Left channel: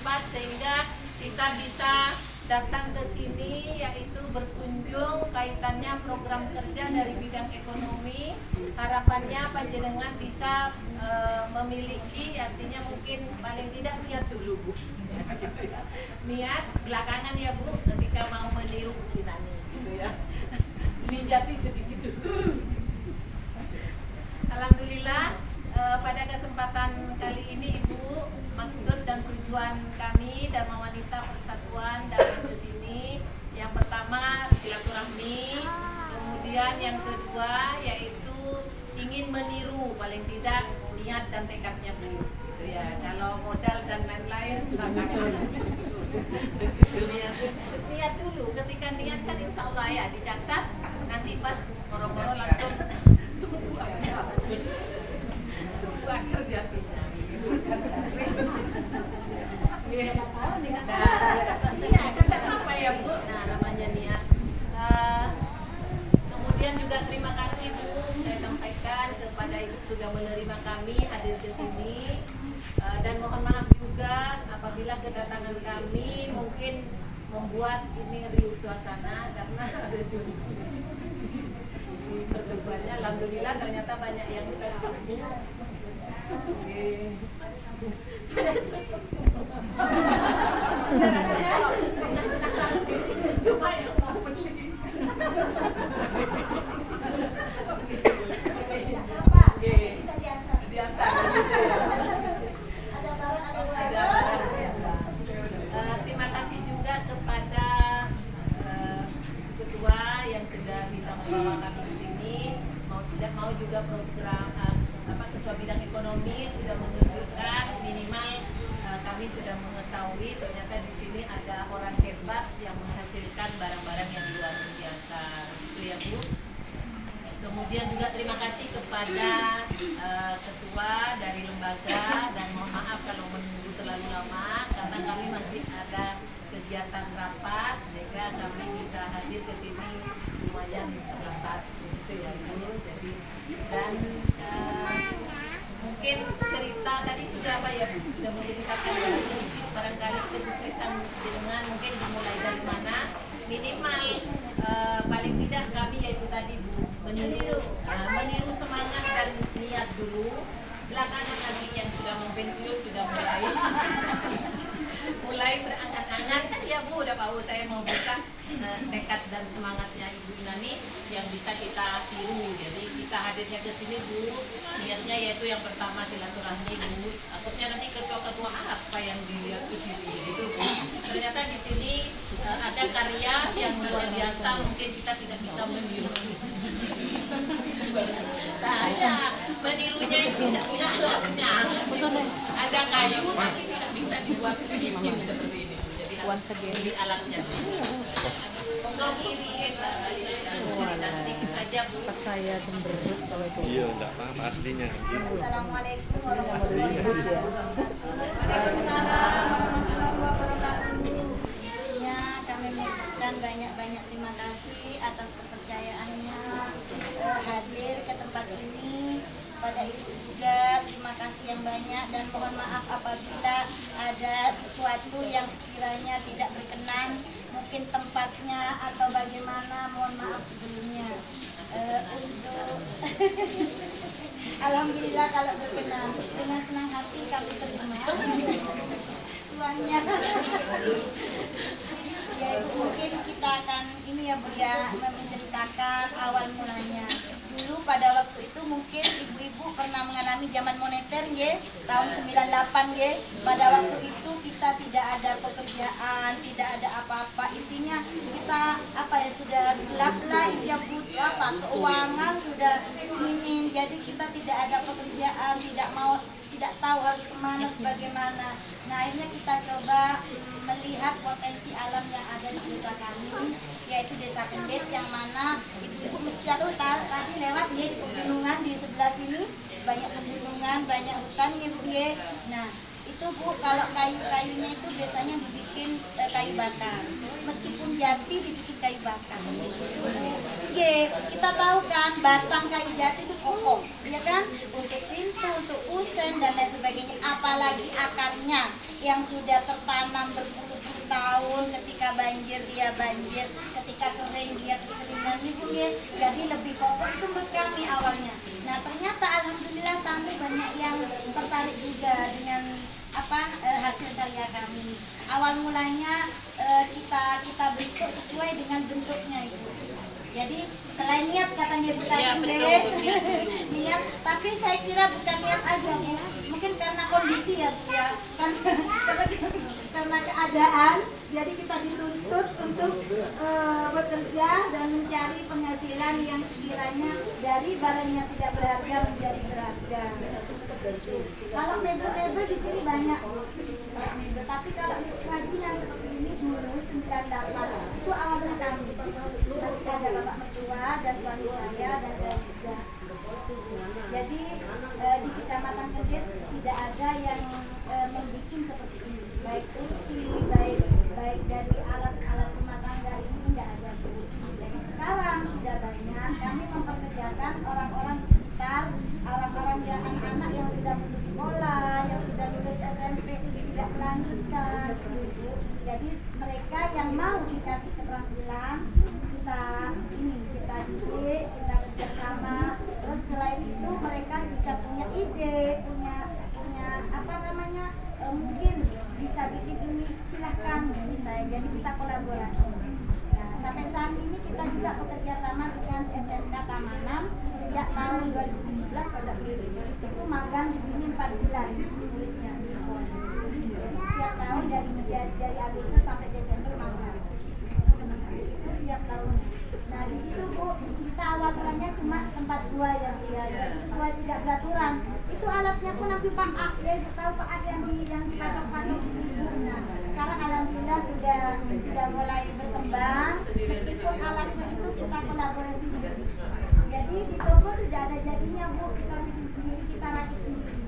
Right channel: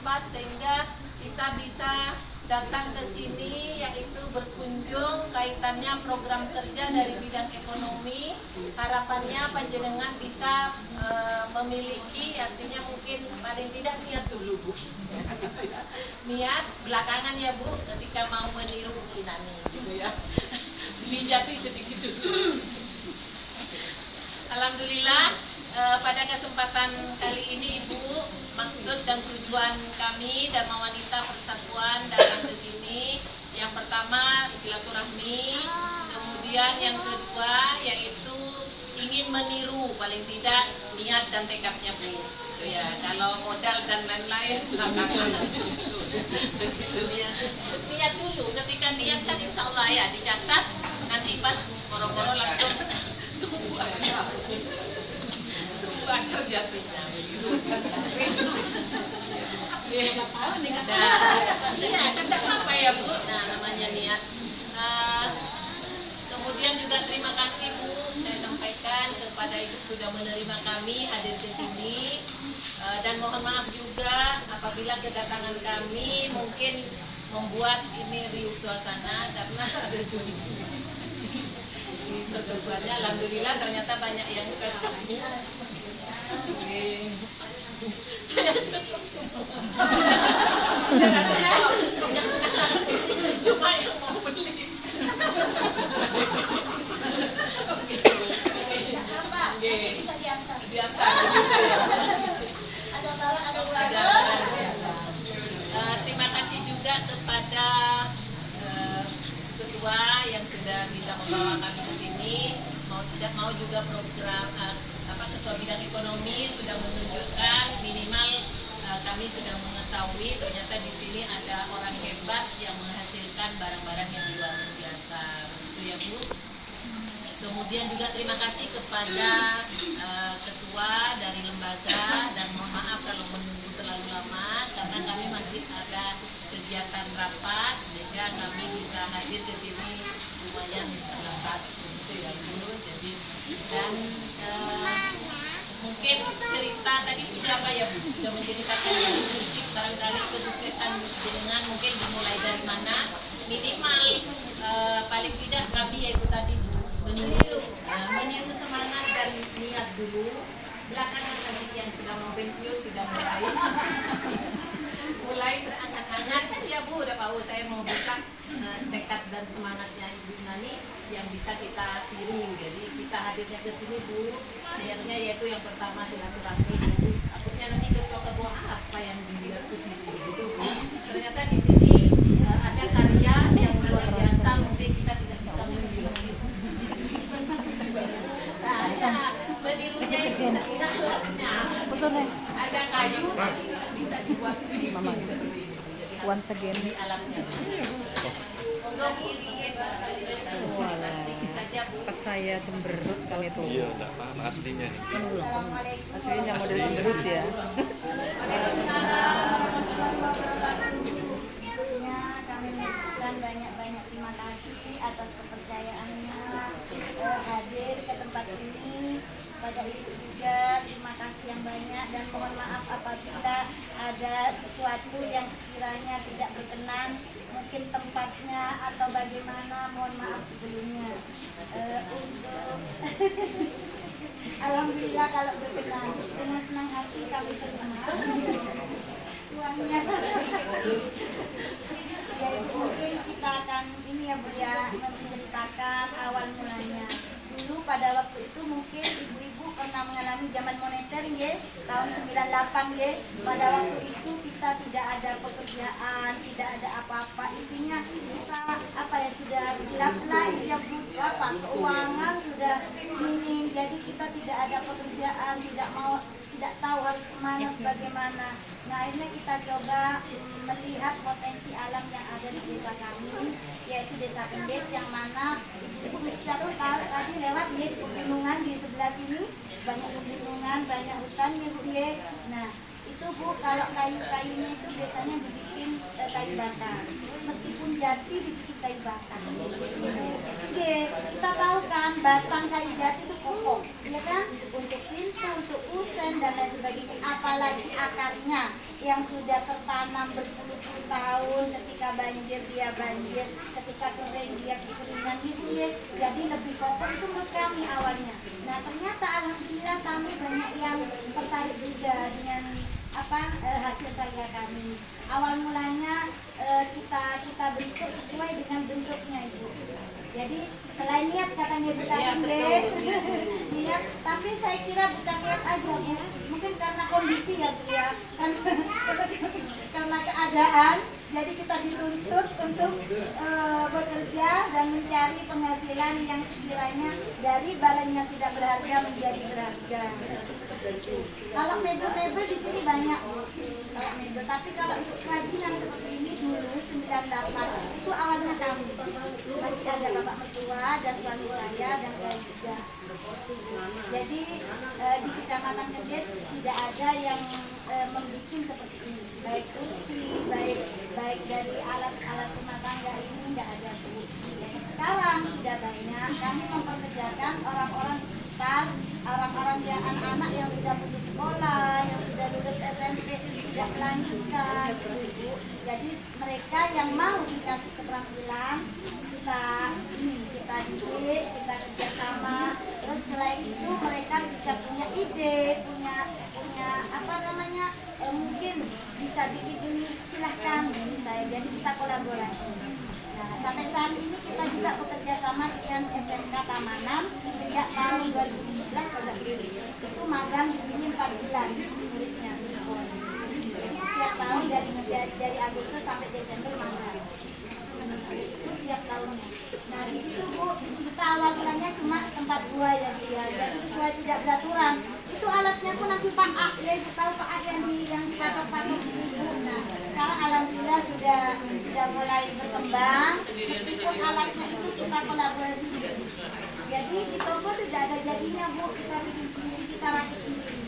tempat sehingga kita bisa datang ke sini, yaitu berkunjung kaitannya program kerja dari bidang ekonomi. Harapannya panjenengan bisa memiliki, artinya mungkin paling tidak niat dulu Bu. Niat belakangan ya Bu, ketika mau meniru Kinani gitu ya. Mijati sedikit dulu. Alhamdulillah pada kesempatan kali ini Ibu, maksud dan tujuan kami Dharma Wanita Persatuan datang ke sini, yang pertama silaturahmi, kemudian yang kedua yaitu ingin meniru paling tidak niat dan tekadnya Bu. Itu ya, kalau modal dan lain-lain belakangan. Begitu ya. Niat dulu, ketika niat kan insya Allah ya dicatat, nanti pas boro-boro langsung tunggu aja jatuhnya. Iya, kata apa ya Bu? Nah, namanya niat. Kemudian juga terima kasih Bu, saya sampaikan kepada Ibu sudah menerima kami hadir ke sini, dan mohon maaf juga apabila kedatangan kami mungkin membuat ini riuh suasana karena ada juri. Pertemuannya alhamdulillah ternyata banyak yang cocok Bu. Saya cocok semua. Cuma yang mau beli. Bisa diantar. Ada barang, ada ulangnya. Terima kasih juga kepada ketua yang sudah bisa membawa kami ke sini. Mau tidak mau juga program ketua bidang ekonomi sudah menunjukkan minimal kami sudah mengetahui ternyata di sini ada orang hebat yang menghasilkan barang-barang yang luar biasa. Itu ya Bu. Kemudian juga terima kasih kepada ketua dari lembaga, dan mohon maaf kalau menunggu terlalu lama karena kami masih ada kegiatan rapat sehingga kami bisa hadir ke sini lumayan terlambat gitu ya Bu. Jadi dan mungkin cerita tadi sudah apa ya Bu, sudah menceritakan ya sedikit barangkali kesuksesan dengan mungkin dimulai dari mana, minimal paling tidak kami yaitu tadi Bu meniru semangat dan niat dulu, belakangan nanti yang sudah mau pensiun sudah mulai berangan-angan kan ya Bu, udah tahu saya mau buka tekad dan semangatnya Ibu Nani yang bisa kita tiru. Jadi kita hadirnya ke sini Bu, niatnya yaitu yang pertama silaturahmi Bu. Takutnya nanti ketua-ketua apa yang dilihat ke sini gitu Bu. Ternyata di sini ada karya yang luar biasa, mungkin kita tidak bisa meniru. Saya menirunya itu tidak punya alatnya. Ada kayu tapi tidak bisa dibuat cincin seperti ini. Jadi harus beli alatnya. Monggo kiri sedikit saja Bu. Pas saya cemberut kalau itu. Iya, enggak paham aslinya. Assalamualaikum Aslinya model cemberut ya. Waalaikumsalam warahmatullahi wabarakatuh. Ya, kami mengucapkan banyak-banyak terima kasih atas kepercayaannya hadir ke tempat ini. Pada Ibu juga terima kasih yang banyak, dan mohon maaf apabila ada sesuatu yang sekiranya tidak berkenan, mungkin tempatnya atau bagaimana, mohon maaf sebelumnya. Alhamdulillah kalau berkenan, dengan senang hati kami terima uangnya. Ya Ibu, mungkin kita akan ini ya Bu ya, menceritakan awal mulanya. Dulu pada waktu itu mungkin ibu-ibu pernah mengalami zaman moneter ya, tahun 98 ya. Pada waktu itu kita tidak ada pekerjaan, tidak ada apa-apa. Intinya kita apa ya, sudah gelap lah ya Bu, apa keuangan sudah minim. Jadi kita tidak ada pekerjaan, tidak tahu harus kemana sebagaimana. Nah akhirnya kita coba melihat potensi alam yang ada di desa kami, yaitu Desa Pendet, yang mana ibu-ibu mesti tahu tadi lewat nih pegunungan di sebelah sini, banyak pegunungan, banyak hutan nih Bu. Nah itu Bu, kalau kayu-kayunya itu biasanya dibikin kayu bakar, meskipun jati dibikin kayu bakar gitu Bu. Kita tahu kan batang kayu jati itu kokoh, ya kan, untuk pintu, untuk kusen dan lain sebagainya, apalagi akarnya. yang sudah tertanam berpuluh-puluh tahun, ketika banjir dia banjir, ketika kering dia kekeringan ibu ya. Jadi lebih kokoh itu menurut kami awalnya. Nah ternyata alhamdulillah kami banyak yang tertarik juga dengan hasil karya kami. Awal mulanya kita bentuk sesuai dengan bentuknya ibu. Jadi selain niat katanya Bu Iya, tadi betul, niat dulu. niat, tapi saya kira bukan niat aja Bu, mungkin karena kondisi ya Bu ya, karena keadaan, jadi kita dituntut untuk bekerja dan mencari penghasilan yang sekiranya dari barang yang tidak berharga menjadi berharga. Kalau mebel-mebel di sini banyak Bu, kalau mebel, tapi kalau untuk kerajinan seperti ini dulu 98 itu awalnya kami, masih ada bapak mertua dan suami saya dan saya juga. Jadi di Kecamatan Kendet tidak ada yang membuat seperti ini, baik kursi, baik dari alat-alat rumah tangga ini nggak ada Bu. Jadi sekarang sudah banyak kami memperkerjakan orang-orang di sekitar, orang-orang yang anak-anak yang sudah putus sekolah, yang sudah lulus SMP tidak melanjutkan gitu Bu. Jadi mereka yang mau dikasih keterampilan kita didik, kita kerjasama. Terus selain itu mereka jika punya ide, punya mungkin bisa bikin ini, silahkan bisa. Jadi kita kolaborasi. Nah sampai saat ini kita juga bekerja sama dengan SMK Tamanan sejak tahun 2017 kalau kiri. Itu magang di sini 4 bulan muridnya. Jadi setiap tahun dari Agustus sampai Desember magang. Itu setiap tahunnya. Nah di situ Bu, kita awal mulanya cuma tempat gua ya Bu ya. Jadi sesuai tidak beraturan. Itu alatnya pun nanti Pak A, ya Ibu tahu Pak A yang dipatok-patok itu. Nah sekarang alhamdulillah sudah mulai berkembang. Meskipun alatnya itu kita kolaborasi sendiri. Jadi di toko tidak ada jadinya Bu, kita bikin sendiri, kita rakit sendiri.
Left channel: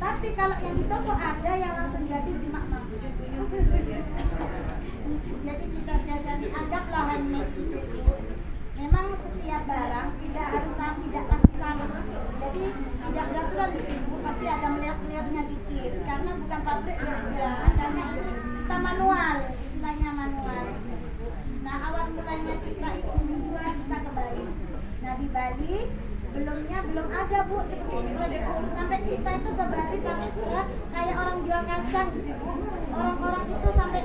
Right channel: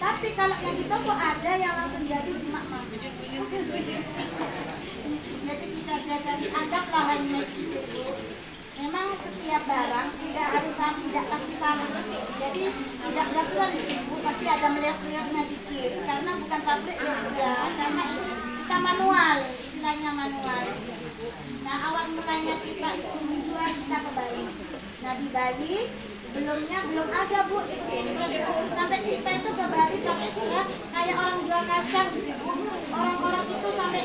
Tapi kalau yang di toko ada yang langsung jadi cuma mah. Jadi kita siasati, anggaplah handmade itu Bu. Memang setiap barang tidak harus sama, tidak pasti sama. Jadi tidak beraturan itu Bu, pasti ada melihat-lihatnya dikit. Karena bukan pabrik ya Bu ya, karena ini kita manual, istilahnya manual. Nah awal mulanya kita itu menjual kita ke Bali. Nah di Bali belum ada Bu seperti ini, sampai kita itu ke Bali pakai truk kayak orang jual kacang gitu Bu. Orang-orang itu sampai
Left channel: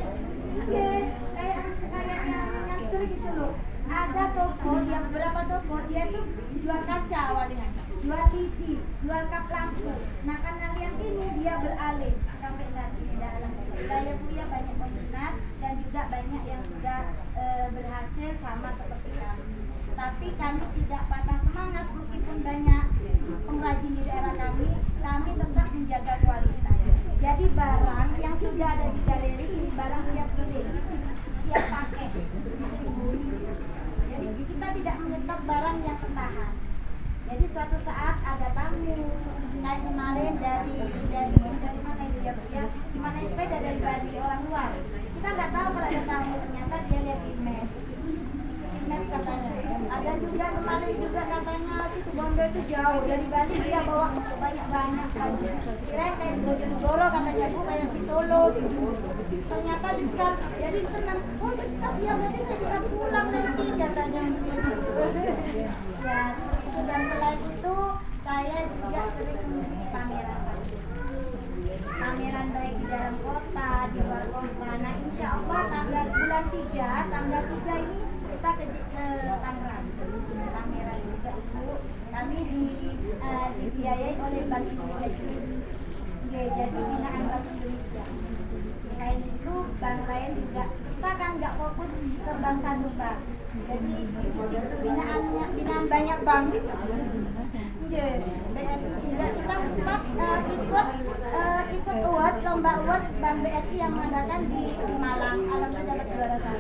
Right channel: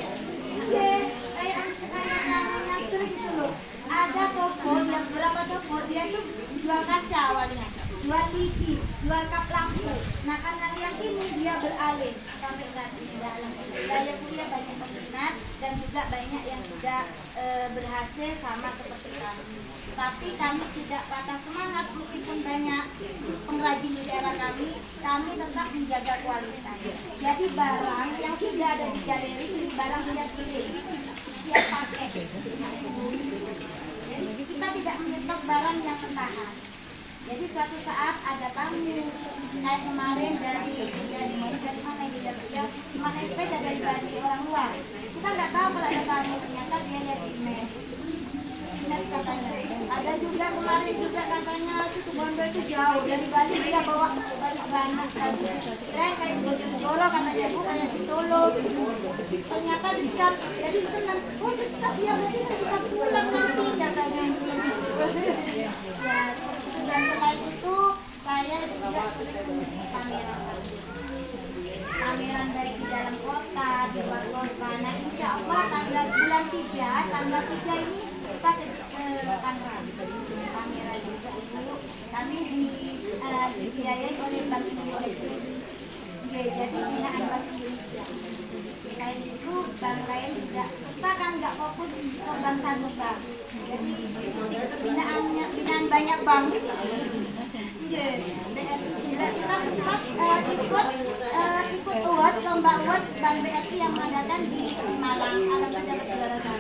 kayak yang nyantur gitu loh. Ada toko yang berapa toko dia tuh jual kaca awalnya, jual lidi, jual kap lampu. Nah karena yang ini dia beralih sampai saat ini dalam daya Bu ya, banyak peminat dan juga banyak yang sudah berhasil sama seperti kami. Tapi kami tidak patah semangat meskipun banyak pengrajin di daerah kami tetap menjaga kualitas. Jadi barang yang sudah ada di galeri ini barang siap kirim, siap pakai. Jadi kita tidak menyetok barang yang mentahan. Jadi suatu saat ada tamu kayak kemarin dari mana ini ya, mana sepeda dari Bali orang luar. Kita nggak tahu kalau ada tamu, ternyata dia lihat di map katanya. Ada juga kemarin juga katanya situ Bondo itu jauh dari Bali, dia bawa banyak kan. Kira kayak Bojonegoro katanya Bu, kayak di Solo gitu. Ternyata dekat, jadi senang. Oh dekat ya, berarti saya bisa pulang nanti katanya. Ya, dan selain itu saya juga sering mengikuti pameran baik di dalam kota, di luar kota. Nah insya Allah bulan 3 ini kita ke Tangerang, pameran juga Ibu. Kami dibiayai oleh Bank Indonesia. Ya, jadi binaan Bank Indonesia. Kayak itu bank lain juga. Kita kan nggak fokus ke bank satu Pak. Jadi binaan banyak bank. Ya, BRI juga kita sempat ikut award, lomba award Bank BRI yang mengadakan di Malang. Alhamdulillah dapat juara 1.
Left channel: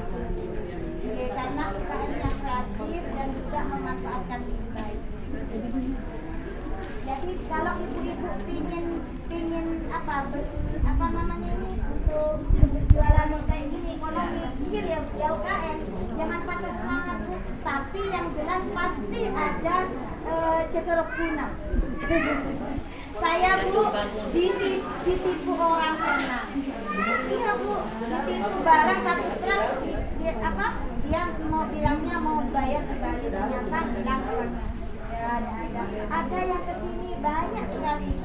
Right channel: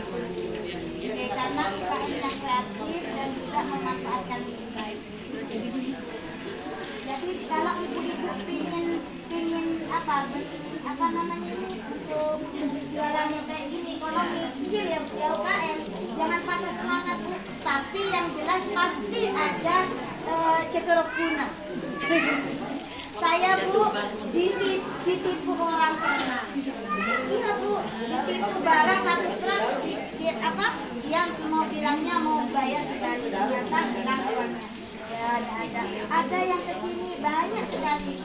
Oke, karena UKM yang kreatif dan juga memanfaatkan lebih baik. Jadi kalau ibu-ibu pingin apa namanya ini untuk jualan kayak gini ekonomi kecil ya UKM, jangan patah semangat Bu. Tapi yang jelas pasti ada cekerok guna. Saya Bu ditipu orang pernah. Iya Bu, ditipu barang satu truk yang mau bilangnya mau bayar di Bali, ternyata hilang uangnya. Ya ada yang kesini banyak sekali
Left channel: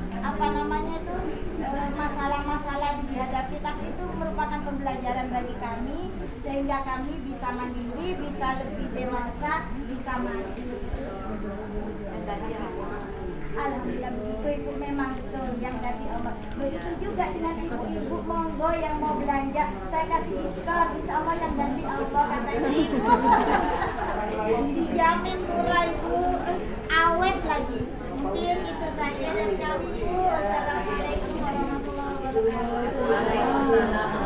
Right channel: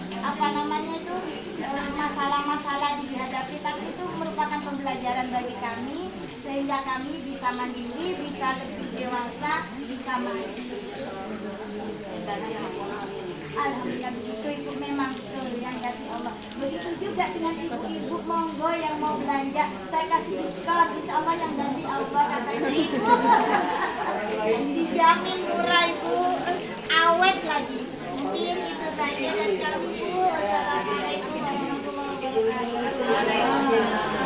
masalah-masalah yang dihadapi, tapi itu merupakan pembelajaran bagi kami sehingga kami bisa mandiri, bisa lebih dewasa, bisa maju. Alhamdulillah begitu, itu memang betul yang ganti Allah. Begitu juga dengan ibu-ibu monggo yang mau belanja, saya kasih diskon, insya Allah yang ganti Allah katanya ibu. Dijamin murah ibu, awet lagi. Mungkin itu saja dari kami Bu. Assalamualaikum warahmatullahi wabarakatuh.